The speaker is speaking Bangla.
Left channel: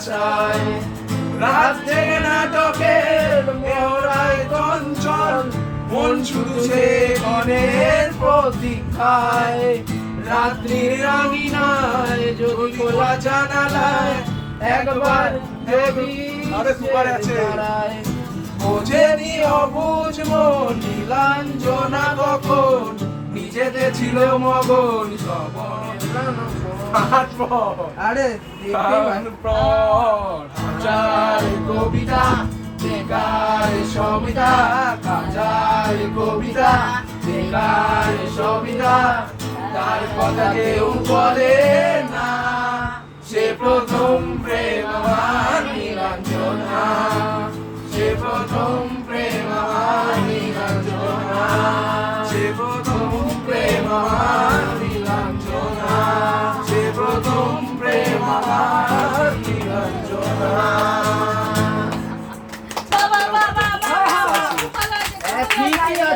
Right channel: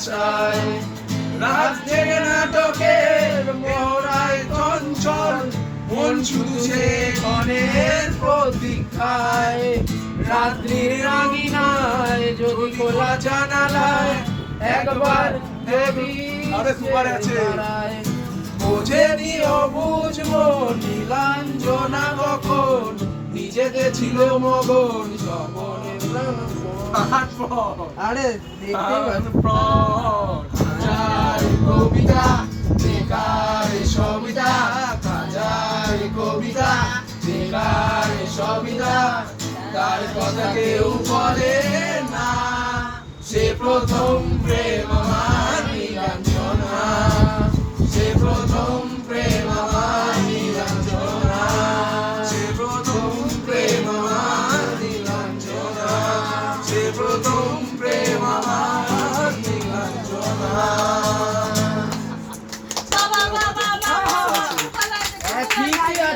আশায় রাত জেগে নাটকের মোহরায় চঞ্চল মন শুধু সে ক্ষণের প্রতীক্ষায় রাত্রির রাঙিনায় যদি খোলা জানালায় একবার দেবী দাঁড়ায় বোঝেনি অবুঝ মন নীলাঞ্জনা কখন নিজেতে ছিল মগন আরে কাজার কবিতা বেকার সবিতা কাজার কবিতা বেকার সবিতা তার কথা কেউ বলে না সে প্রথম প্রেম আমার নীলাঞ্জনা সে প্রথম প্রেম আমার নীলাঞ্জনা সে প্রথম প্রেম আমার নীলাঞ্জনা সে প্রথম প্রেম আমার নীলাঞ্জনা বাবা বাবা বাবা ঠিকই আছে।